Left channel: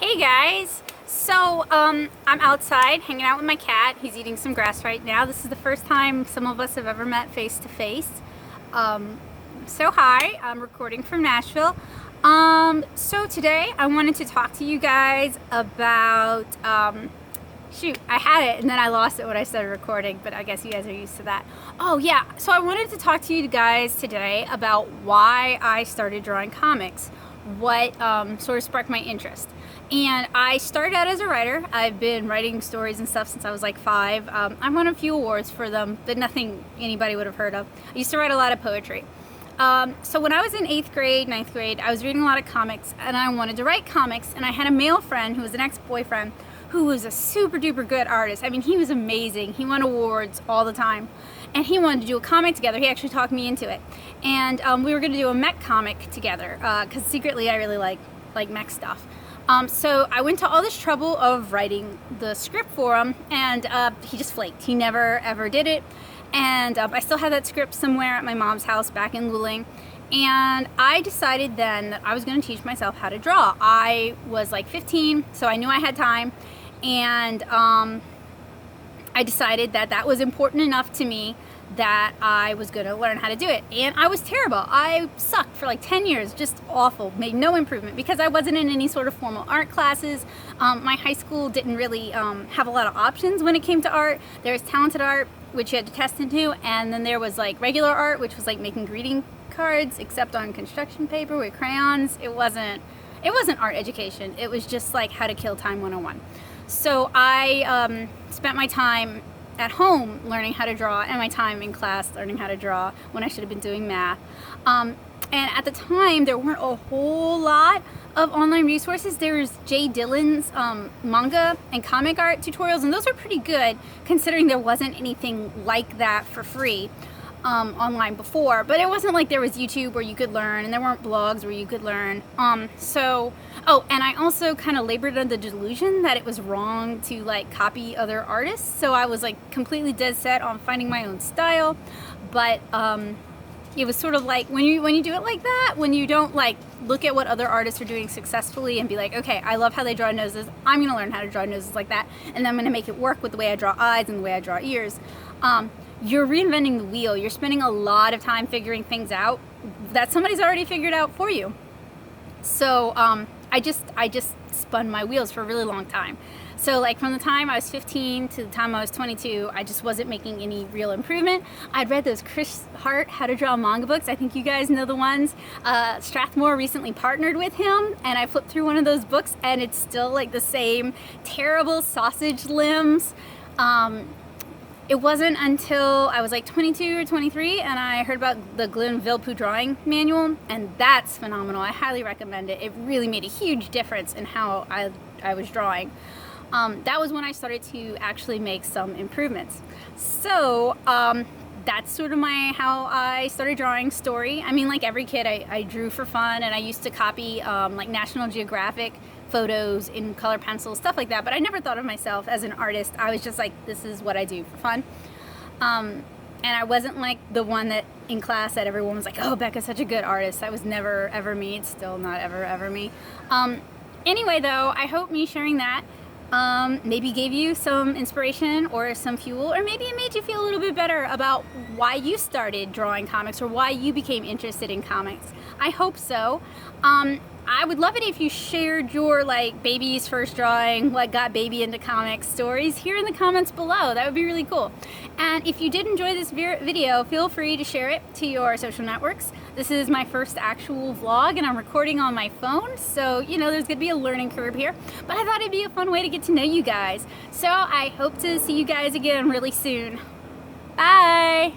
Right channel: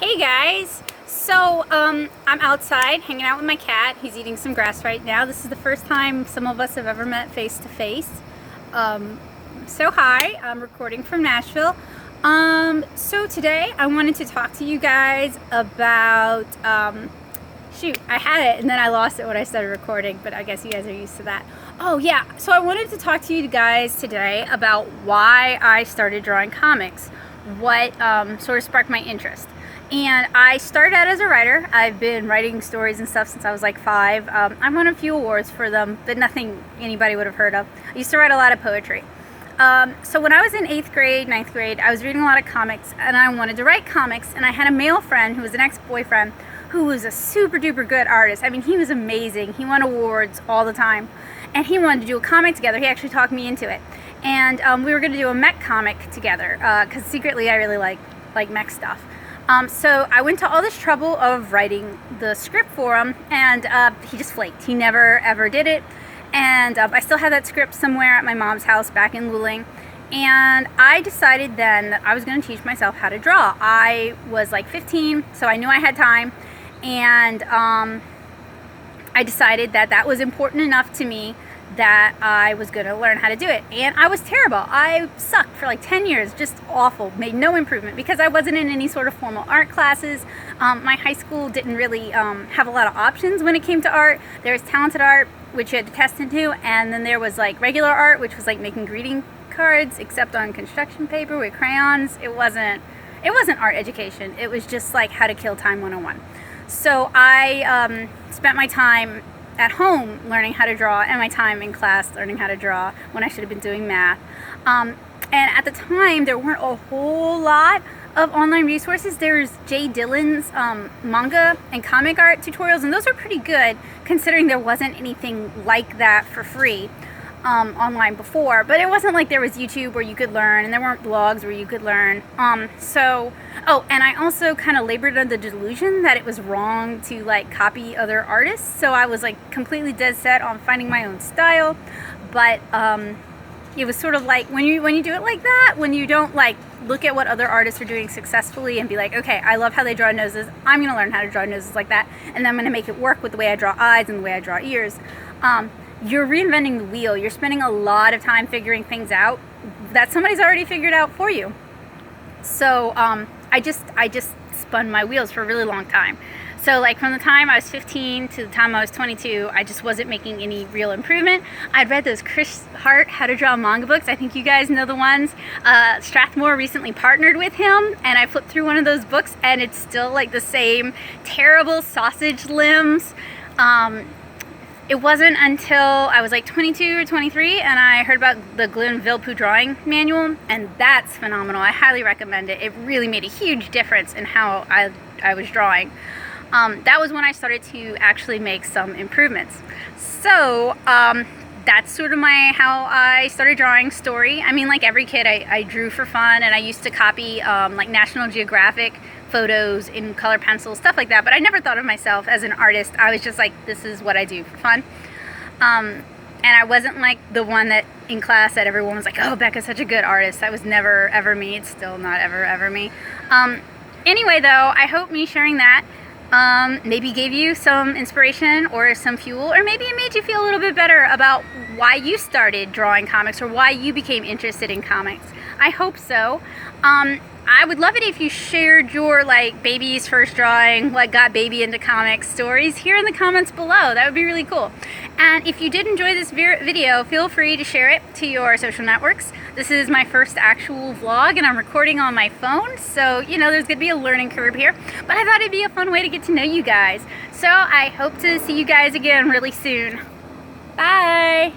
Hey guys! So, I'm outside hanging out with my cat. He's eating some grass right now. This is the first time some of us have ever met face to face. So hi, I'm recording from Nashville. So today I wanted to talk to you guys about, shoot, I had it and then I lost it when I started recording, but I guess you guys are used to that. Oh yeah, so I wanted to talk to you guys today about why I started drawing comics. What sort of sparked my interest. And I started out as a writer. I've been writing stories and stuff since I was like 5. I won a few awards for them, but nothing anybody would have heard of. I used to write a lot of poetry. So when I was in 8th grade, 9th grade, I was reading a lot of comics and I wanted to write comics, and I had a male friend who was an ex-boyfriend who was a super duper good artist. I mean, he was amazing. He won awards all the time. And he wanted to do a comic together. He actually talked me into it. And we were going to do a mech comic together because secretly I really like mech stuff. So I went to all this trouble of writing the script for him, and he just flaked. He never ever did it. And I still have that script somewhere at my mom's house back in Luling. And I decided then that I was going to teach myself how to draw. I was like 15, so I knew I had time. And I decided that that was important enough to me that I was going to learn how to do it. And I was terrible. I sucked for like 10 years, just awful, made no improvement because I wasn't in any sort of formal art classes. My high school didn't really have a lot of options when it came to art. There was talented art, which you had to test into, and then there was like regular art, which was like making greeting cards, except on construction paper with crayons. It wasn't art education. It was just like how to kill time 101. So I spent my time at home learning how to draw and my time in class learning how to draw when I should have been doing math. And at the time there weren't a whole lot of online resources. There's Jay Dillon's manga and comic art tutorials, and those are pretty good considering there wasn't anything like that for free online before. But it wasn't like there was YouTube where you could learn, and there weren't blogs where you could learn. Oh, and I also kind of labored under the delusion that it was wrong to like copy other artists. So I was like completely dead set on finding my own style. But it was sort of like when you do it like that, when you don't like look at what other artists are doing successfully and be like, okay, I love how they draw noses, I'm gonna learn how to draw noses like that, and then I'm gonna make it work with the way I draw eyes and the way I draw ears. You're reinventing the wheel. You're spending a lot of time figuring things out that somebody's already figured out for you. So I just spun my wheels for a really long time. So like from the time I was 15 to the time I was 22, I just wasn't making any real improvement. I'd read those Chris Hart How to Draw manga books. I think you guys know the ones. Strathmore recently partnered with him, and I flipped through one of those books and it's still like the same terrible sausage limbs. It wasn't until I was like 22 or 23 and I heard about the Glenn Villepeu drawing manual, and that's phenomenal. I highly recommend it. It really made a huge difference in how I was drawing. That was when I started to actually make some improvements. So that's sort of how I started drawing story. I mean, like every kid, I drew for fun, and I used to copy like National Geographic photos in color pencils, stuff like that, but I never thought of myself as an artist. I was just like, this is what I do for fun. And I wasn't like the one that in class that everyone was like, oh, Becca's such a good artist. That was never ever me. It's still not ever me. Anyway though, I hope me sharing that maybe gave you some inspiration or some fuel, or maybe it made you feel a little bit better about why you started drawing comics or why you became interested in comics. I hope so. I would love it if you shared your like baby's first drawing, like got baby into comics stories here in the comments below. That would be really cool. And if you did enjoy this video, feel free to share it to your social networks. This is my first actual vlog and I'm recording on my phone, so you know there's gonna be a learning curve here, but I thought it'd be a fun way to get to know you guys. So I hope to see you guys again really soon. Bye!